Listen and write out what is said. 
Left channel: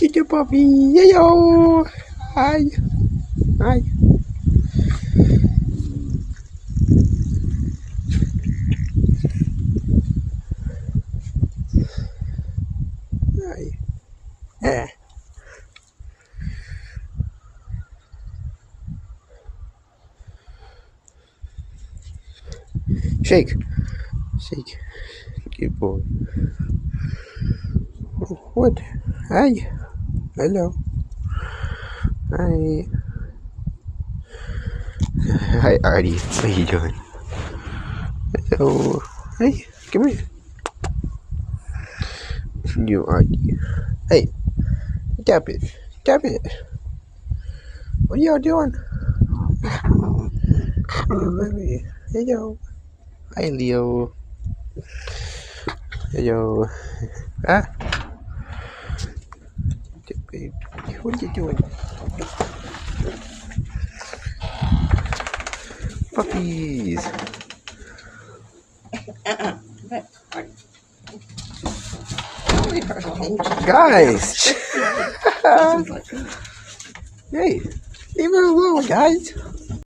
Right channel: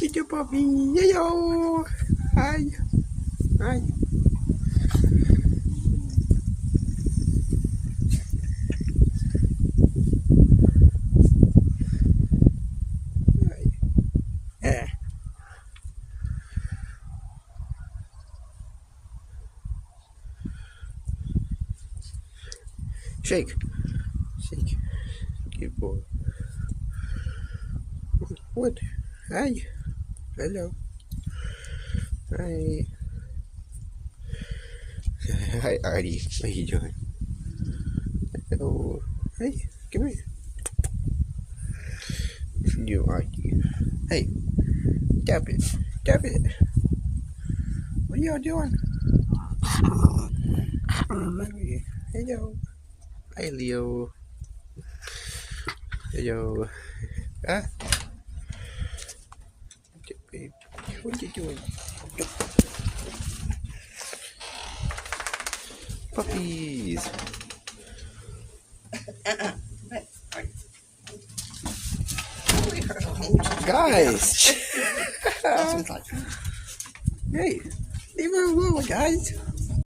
Little puppy. Yo. Hi. Hi. Hi. Eh. Shake. Shake. Good boy. What? Hi. Hello. Hi. Hi, Artie. What are you doing? Hello. Hey, come here. You, Artie. Hey, tap it. Tap it. What are y'all doing? Hello. Hi, Leo. Hello. Ah, babe. What are you doing? Puppies. Guys. Hey, leave her alone, guys.